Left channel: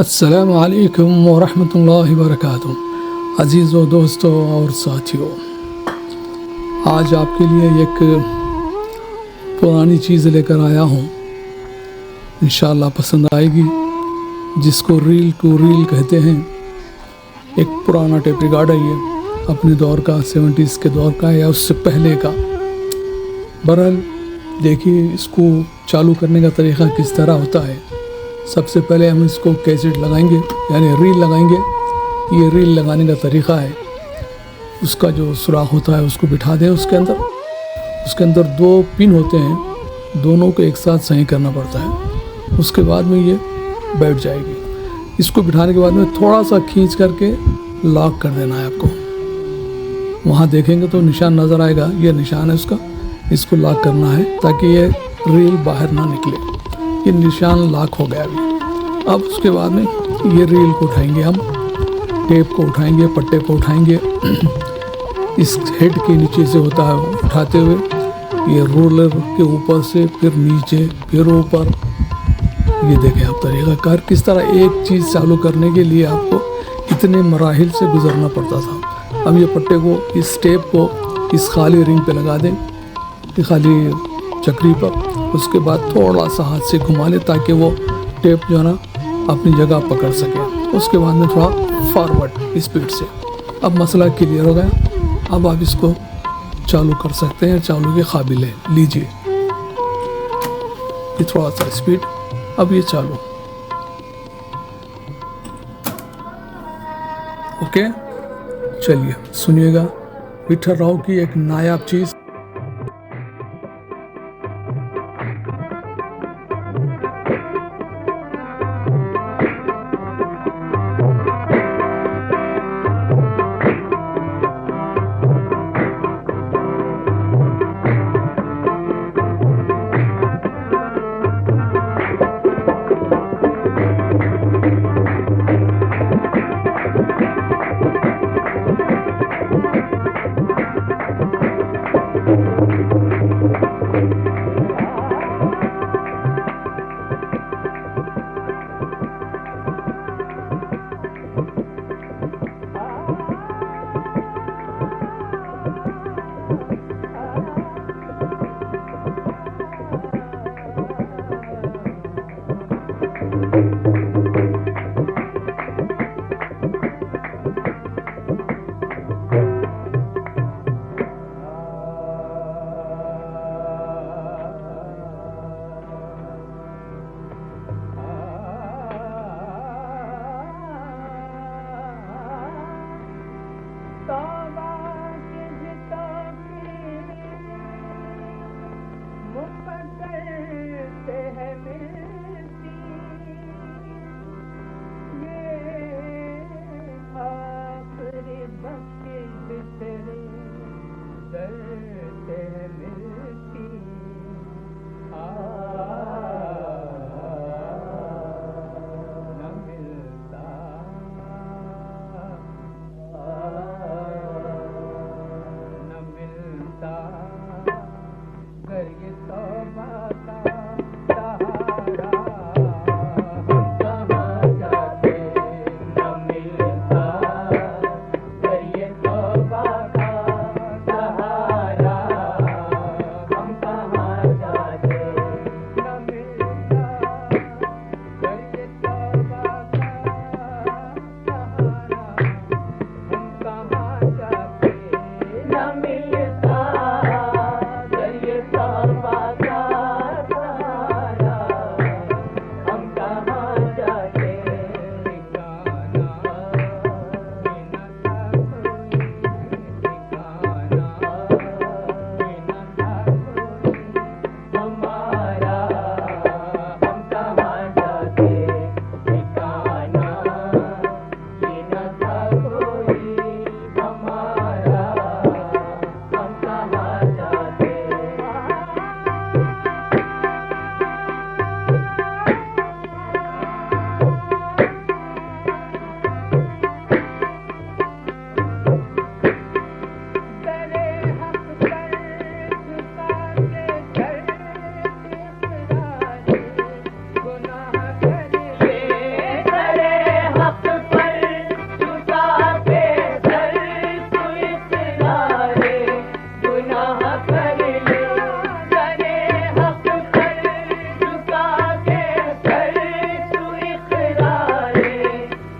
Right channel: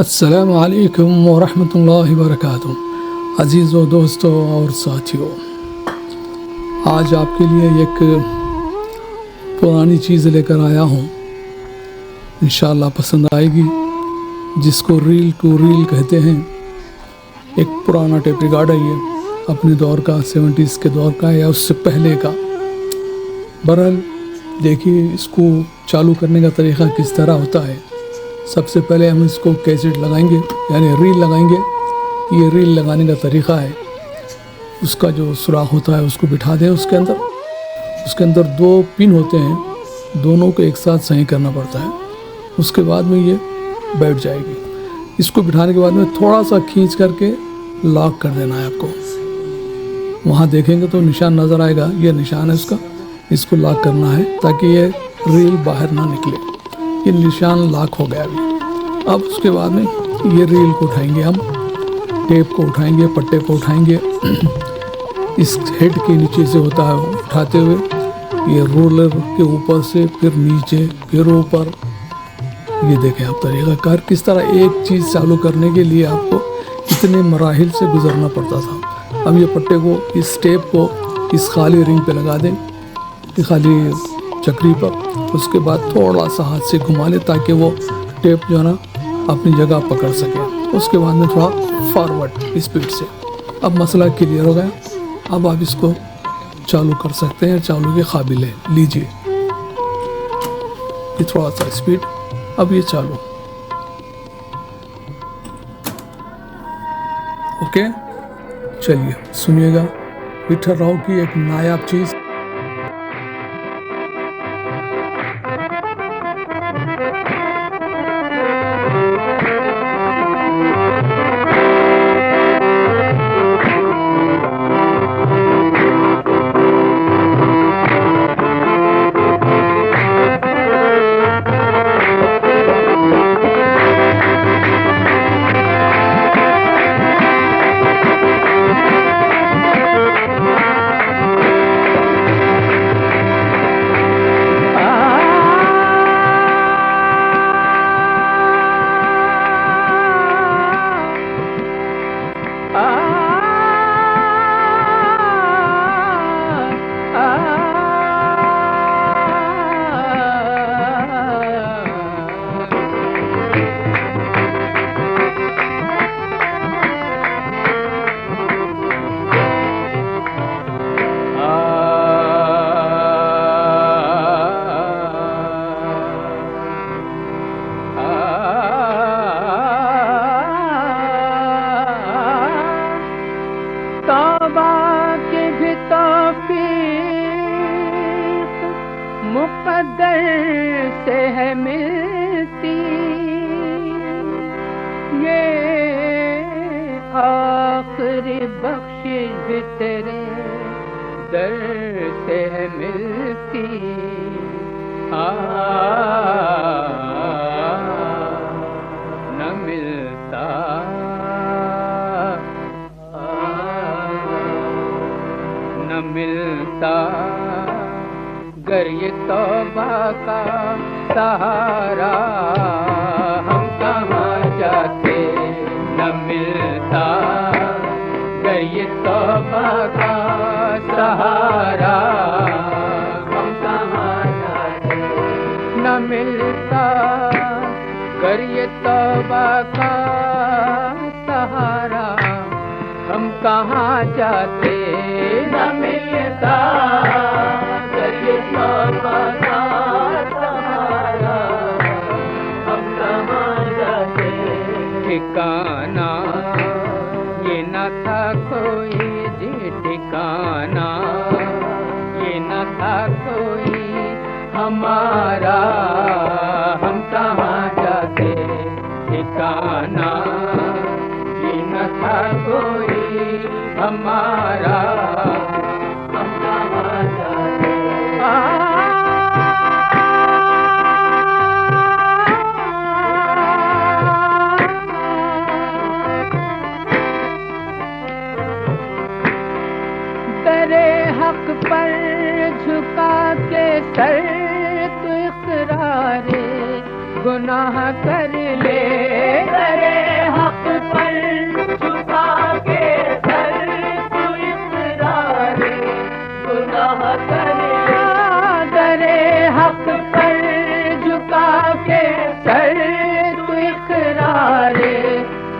अस्सलामु अलैकुम व रहमतुल्लाहि व बरकातुहू। अज़ीज़ों, दोस्तों और साथियों, आज आपके लिए एक पुरानी चीज़ लेकर आया हूँ। इंशाअल्लाह पसंद आएगी। जिसको रील टू रील कहते हैं। एक पुराना टेप रिकॉर्ड है ये, अपने दौर का, 70s के दौर का या उससे पहले का। बहरहाल देखिए, इसको चालू करने का तरीक़ा किस तरह होता है। सबसे पहले हम इसको कैसेट लगाएंगे, यानी रील लगाएंगे। ये रील लगाने का तरीक़ा है, उसका जो सुराख होता है उसको बिठा दें उसके अंदर 2 पिन होते हैं, दोनों को एक साथ सही करना पड़ता है। उसके बाद में ये बैठ जाएगी। इसको बिठाने के बाद में थोड़ा सा खींच करके लॉक कर देना है आपको। वहाँ देखेंगे तो निशान नज़र आएगा, ये निशान है उसका। इसको लॉक करना है ताकि ये रील बाहर ना निकले। ये निशान लॉक हो गया अभी। अब उसके बाद में ये रील को उठाएंगे, हम टेप को उठाएंगे, पट्टे को उठाएंगे। इस हेड के नीचे से होता है, उठाते हुए ये रोलर के ऊपर से फिर नीचे फिर ऊपर। ये देखें आप तरीक़ाकार किस तरह एक चीज़ चालू करने के लिए आपको इतने मराहिल से गुजरना पड़ता था। अब ये पट्टे को, इस टेप को इस खाली रिंग पे लगा दें, खाली चक्री पर। उसके बाद थोड़ा सा हाथ से घुमा ले ताकि वो टेप जो है ना अपनी जगह पकड़ सके। उसके बाद में थोड़ा फॉरवर्ड स्पीड से। अब मसला क्लियर हो गया। अब आप इसको चालू कर सकते हैं, चालू के काबिल है। लीजिए, ये थोड़ा सा स्पीड, अब ये चालू। ओके, चलिए सुनिएगा विठल राव की एक नायाब चीज़। मुक़द्दर से है मिलती ये आखिरी बख्शिश भी तेरे दर से है मिलती। न मिलता न मिलता गर ये तौबा का सहारा, हम कहाँ जाते। न मिलता गर ये तौबा का सहारा, हम कहाँ जाते। न मिलता गर ये तौबा का सहारा, हम कहाँ जाते। न मिलता ठिकाना ये न था कोई जी, ठिकाना ये न था कोई हमारा, हम कहाँ जाते। ठिकाना ये न था कोई हमारा, हम कहाँ जाते। गुनाह कर ले, करे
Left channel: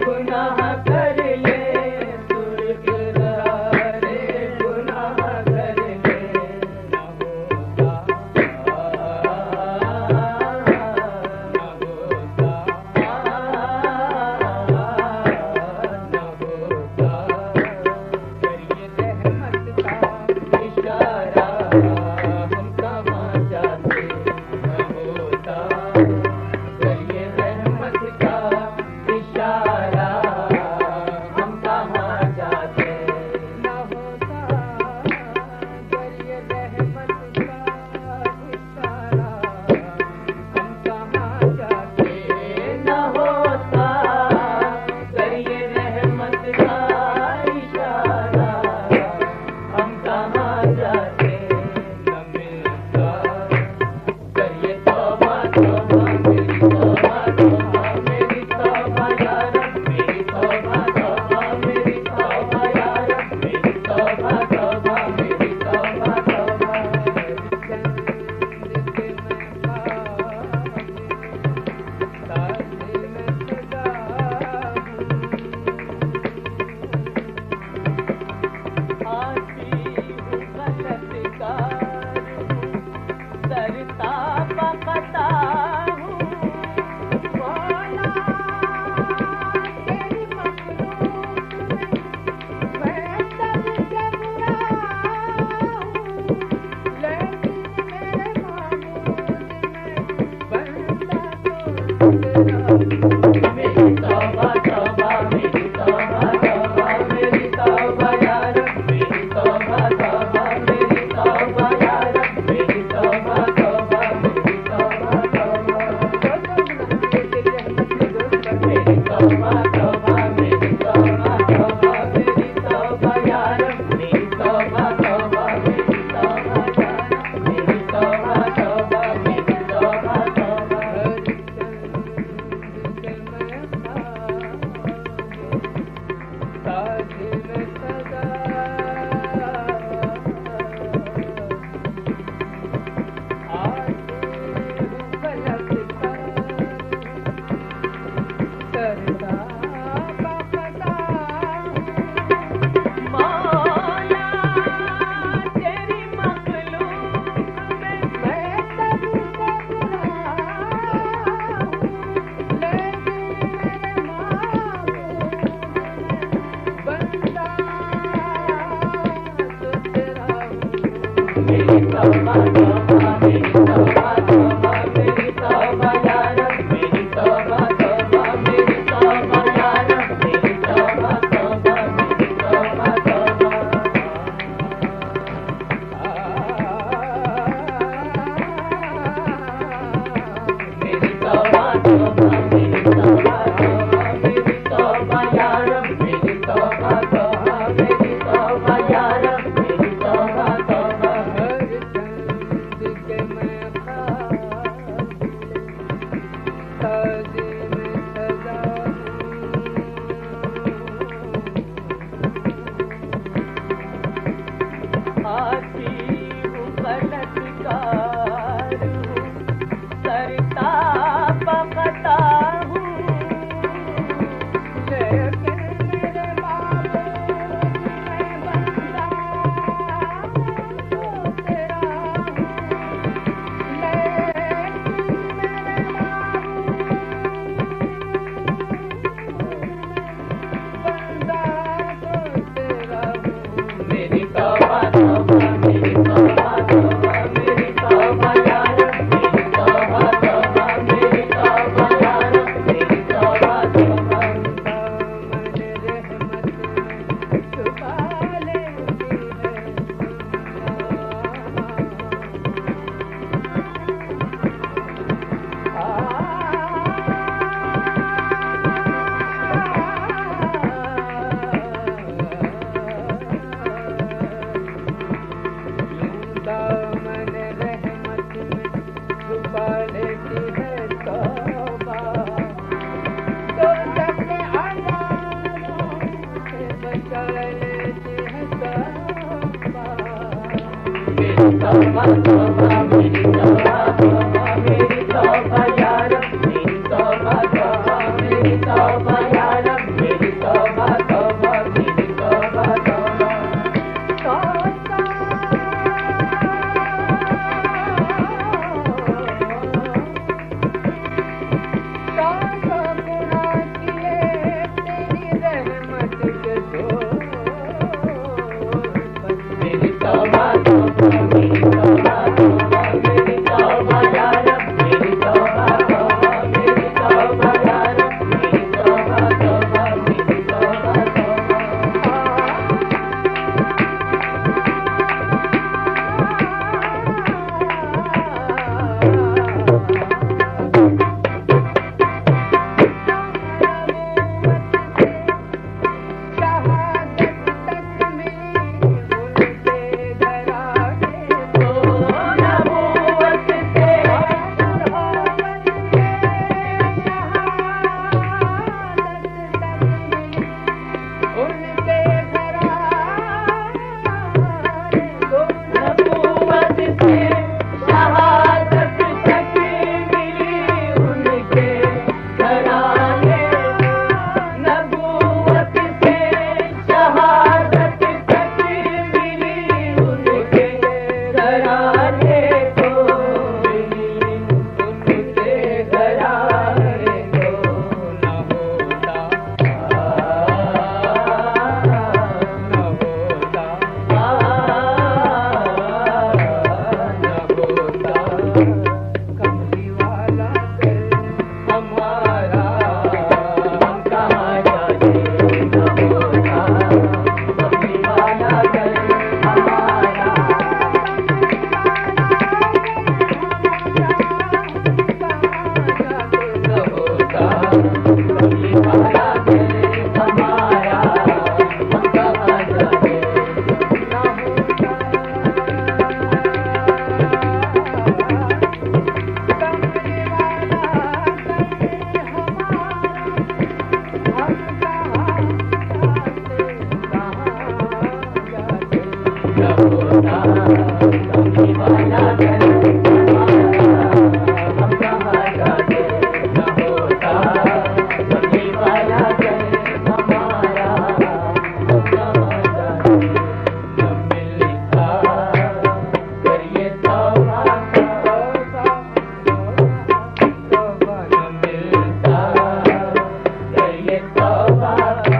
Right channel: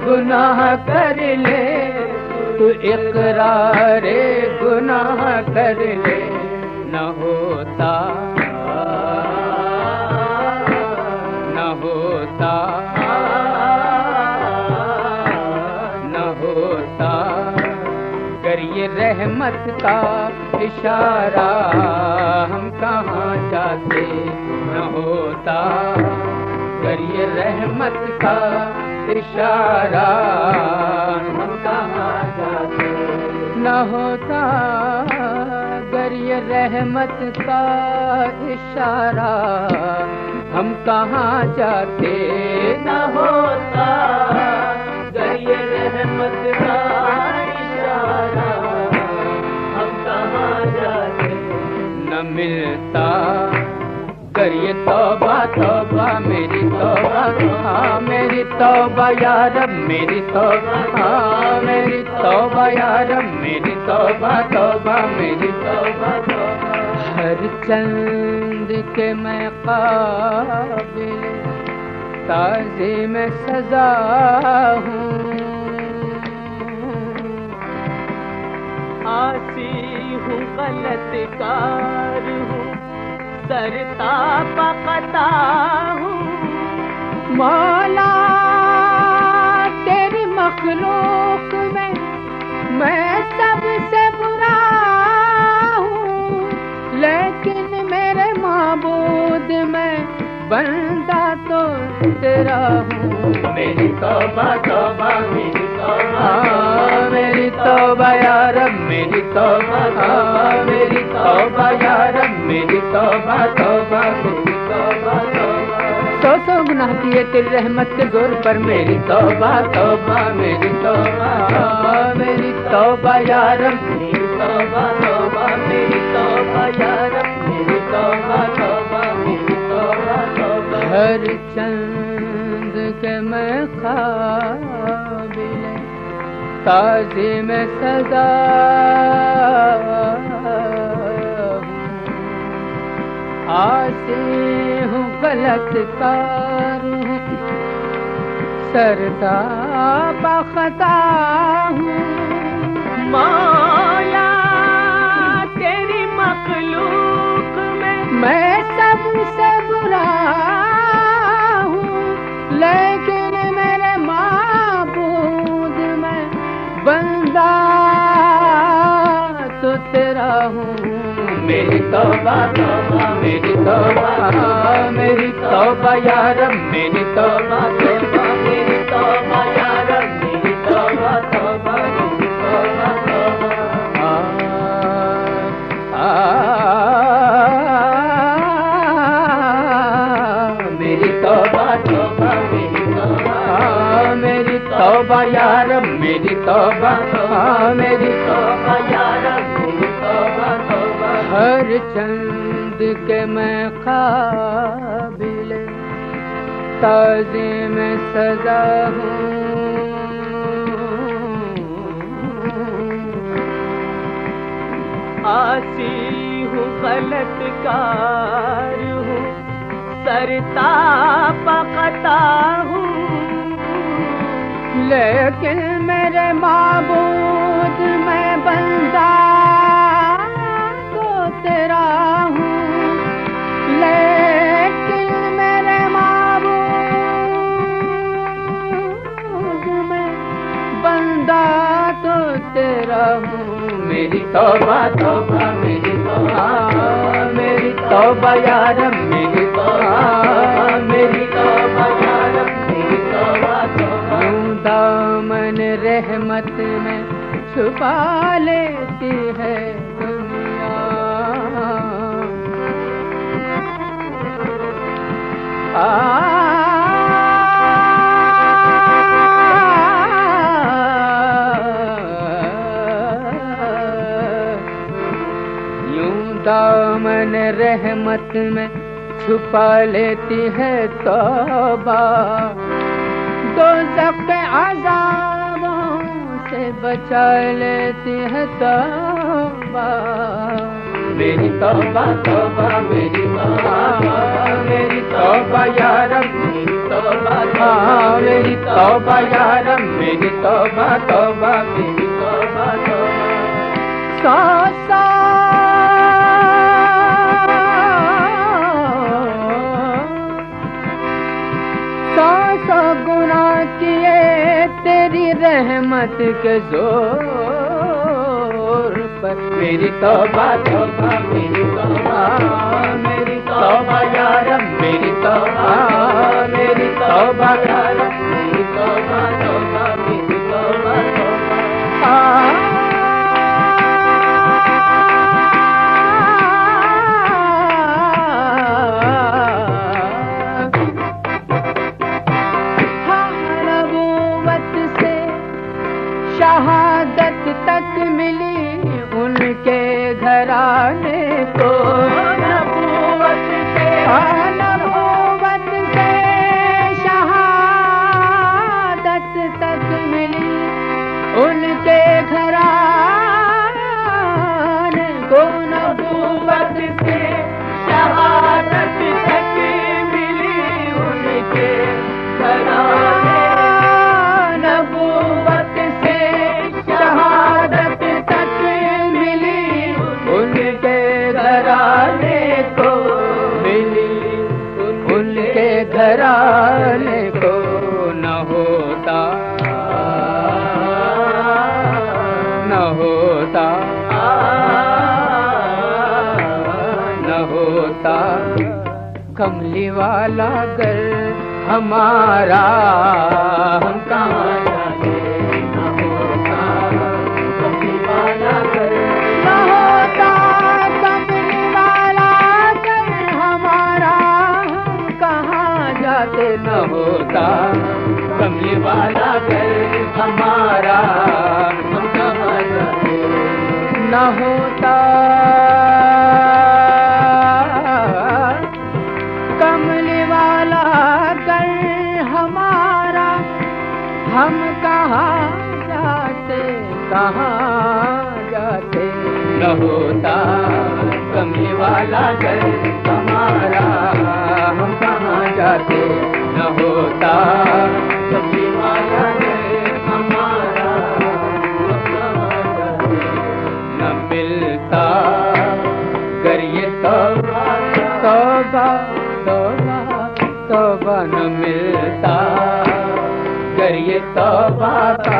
गुनाह कर ले, तू इकरार गुनाह कर ले, न होता न होता न होता, कर ये रहमत का इशारा हम कहाँ जाते, न होता कर ये रहमत का इशारा हम कहाँ जाते, न होता अगर ये रहमत का इशारा हम कहाँ जाते, न होता अगर ये रहमत का इशारा हम कहाँ जाते, न मिलता अगर ये तौबा तौबा मेरी तौबा मेरी तौबा या रब मेरी तौबा मेरी तौबा या रब मेरी तौबा तौबा मेरी तौबा हर चंद के मैं काबिल ताज़ी में सजा हूँ, आसी हूँ गलतकार हूँ सरता पकता हूँ, मौला तेरी मखलूक में मैं सबसे बुरा हूँ, लेकिन मेरे माबूद में बंदा तो तेरा हूँ, मेरी तौबा तौबा मेरी तौबा मेरी तौबा या रब मेरी तौबा मेरी तौबा या रब मेरी तौबा तौबा मेरी तौबा तौबा सौ गुनाह किए तेरी रहमत के जोर पर, मेरी तौबा तौबा मेरी तौबा मेरी तौबा या रब मेरी तौबा तौबा मेरी तौबा या रब मेरी तौबा तौबा मेरी तौबा तौबा हर चंद के मैं ख्वाबिल ताज़ी में सजा आसी हूँ गलतकार हूँ सरता बखता हूँ, मौला तेरी मखलूक में मैं सबसे बुरा हूँ, लेकिन मेरे माबूद में बंदा तो तेरा हूँ, मेरी तौबा तौबा मेरी तौबा मेरी तौबा या रब मेरी तौबा तौबा मेरी तौबा या रब मेरी तौबा तौबा मेरी तौबा तौबा मेरी तौबा तौबा मेरी तौबा मेरी तौबा या रब मेरी तौबा तौबा मेरी तौबा या रब मेरी तौबा तौबा हर चंद के मैं काबिल ताज़ी में सजा हूँ, आसी हूँ गलतकार हूँ सरता पकता हूँ, लेकिन मेरे माबूद में बंदा तो तेरा हूँ, लेकिन मेरे माबूद में बंदा तो तेरा हूँ, मेरी तौबा तौबा मेरी तौबा मेरी तौबा या रब मेरी तौबा मेरी तौबा या रब मेरी तौबा तौबा दामन रहमत में छुपा लेती है दुनिया, दामन रहमत में छुपा लेती है तौबा, दोज़ख के अज़ाबों से बचा लेती है तौबा, मेरी तौबा तौबा मेरी तौबा मेरी तौबा या रब मेरी तौबा मेरी तौबा या रब मेरी तौबा तौबा मेरी तौबा तौबा। सौ सौ गुनाह किए तेरी रहमत के जोर पर। मेरी तौबा तौबा मेरी तौबा मेरी तौबा या रब मेरी तौबा मेरी तौबा या रब मेरी तौबा तौबा मेरी तौबा नबूवत से शहादत तक मिली उनके घराने को। नबूवत से शहादत तक मिली उनके घराने को। नबूवत से शहादत तक मिली उनके घराने। नबूवत से शहादत तक मिली उनके घराने को। मिली उनके घराने को। न होता न होता न होता कमली वाला कर हमारा हम कहाँ जाते। न होता कमली वाला कर न होता कमली वाला कर हमारा हम कहाँ जाते। न होता कमली वाला कर हमारा हम कहाँ जाते। न होता कमली वाला कर हमारा हम कहाँ जाते कहाँ जाते। न होता कमली वाला कर हमारा हम कहाँ जाते। न होता कमली वाला कर हमारा हम कहाँ जाते। न मिलता कर ये तौबा तौबा तौबा तौबा। न मिलता कर ये तौबा